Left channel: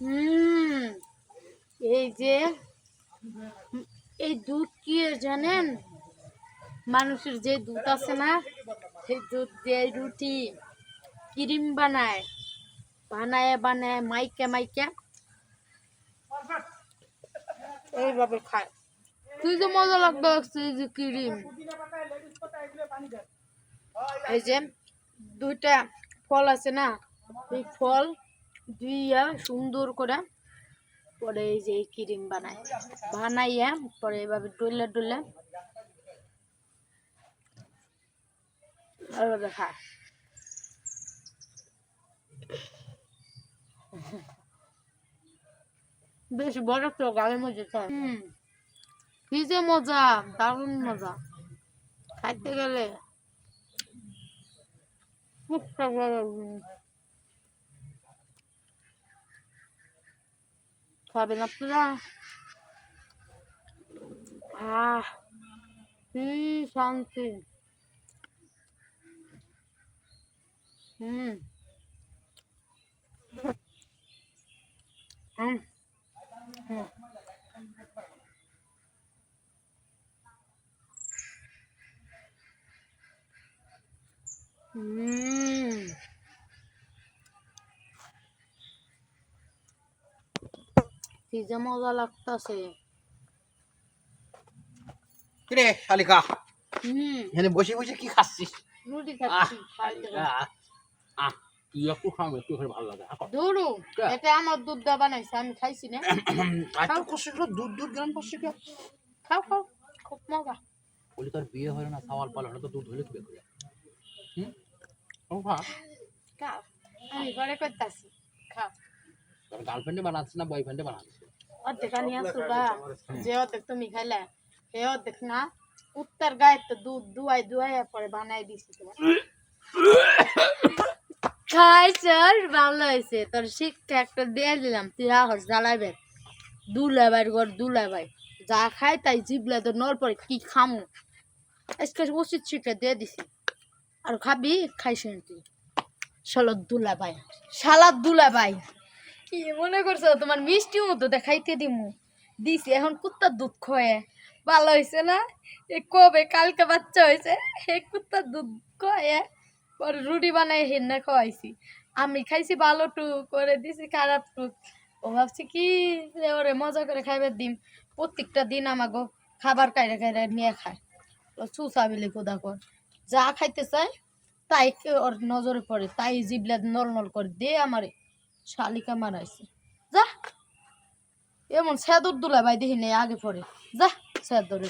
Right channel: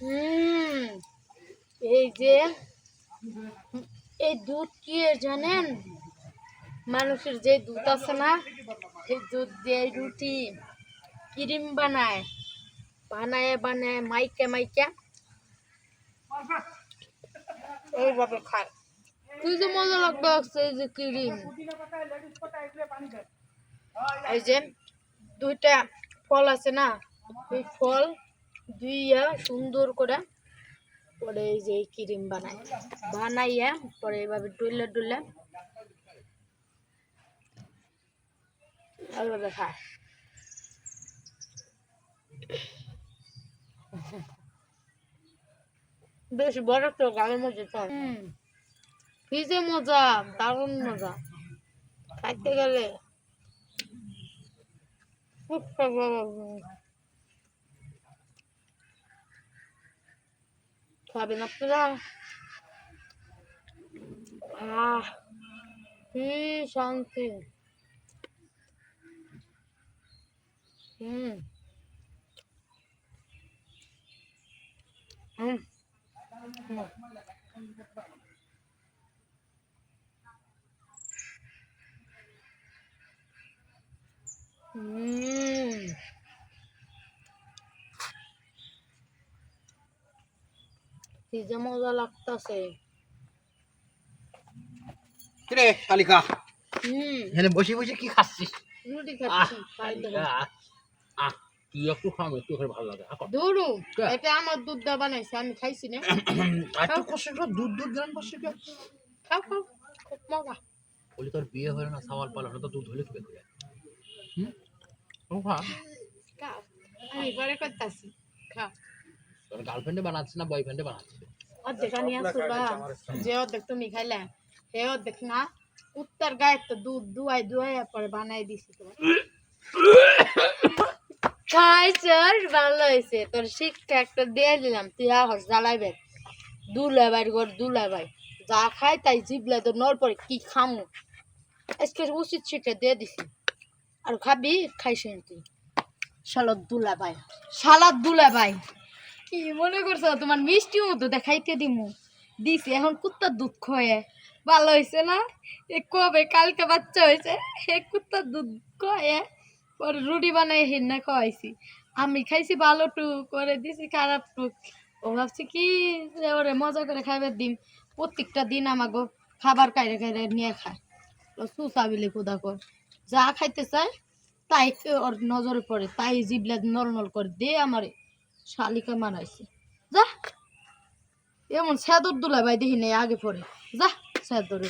হুম এই যে এই দুধ কি জানেন, মানুষের যে দুধ আছে না, সেই দুধ দিয়ে রুটি ক্রিম বানায় বানায় বানায় মাইকা মাইকা এইভাবে খায়। তুই যে মজা লাগবে এই যে ক্রিম, এই যে দুইটা ফল আছে না, এই ফল দুইয়া সুন্দর করে পরে এই যে ক্রিম বানায় বানাইয়া পরে এইভাবে ডলে ডলে এইভাবে খায়। বেশ বড় তো গালের মধ্যে খায়। কি যে মজা, দারুণ মজা, খাইতে গেলে খুব খাবেন আপনারা। আহ কি শান্তি। হুম হুম হুম কি যে মজা লাগতেছে। কিরে শালিকা, এখানে বসে বসে কি খাচ্ছিস? রুটি খাচ্ছি। তুই একটু খাম, একটু খেলে ভালো লাগে। দুরু এটা আমার দুধ দা বানাইছে, আমি খাইছি না। একটু কষ্ট দুধ দুধ গ্রাম পাশে খাও খাও, খুব মজা। বলি তোর বিয়ে হলো না, সাওয়াল পালো না, তো দুধ হলে কি করে? খাও, আমি পরে করতেছি। খাও। তোর গার্লফ্রেন্ডে বানাচ্ছে না বয়ফ্রেন্ডে বানাচ্ছে? অর্ধেক আনি আসো গা, যে অর্ধেক তুমি খাইলে সে অর্ধেক না, উত্তর গায়ে তো দুধ দুয়াই দুয়াই পরে বানাই দিছি তোমার। খাইছর ভালো হয়েছে, তোর শিক্ষা একটা দিয়ে দিলাম, তুই আহস জ্বালাইবে। দুলাভাই ঘর দুলাভাই যা খাই তাই জিবলা তো নল পরে কি খামু, আজকে উচিত শিক্ষা দিয়ে দিছি। আর খাবি খাইছেন তুই শালার দুলাভাই, শালার দুলাভাই। কি মনে করছো তোমার মিষ্টি মতো দেখাইতে দিমু দিছি, এখন কুত্তার দুধ খয়ে ভালো হয়েছে না? এ কবে কালকে বাচ্চা হয়েছে, এ কুত্তার দুধ খয়ে পরে রুটি বানাই হেন্না খাওয়াইছি। আমি খাইছি ভালো টুক করে দিছি খারাপ টুক। ও ভাবছি কি যে ওরে মজা করে খাইবার দিন, প্রত্যেকটা দিন আমাকে খাবার কাইরে কাইরে নিয়ে খায়। ও চুষা বিলি কোদা কর, যা খাইতে চায় তাই ওর নজরে পড়ে, তাই জিবলা নল নল করে দে আমারে শালিকা মানাইছে। যা এমন সেদর দুলা ভাই দেখি নেই আগে পরে, যা সেদর।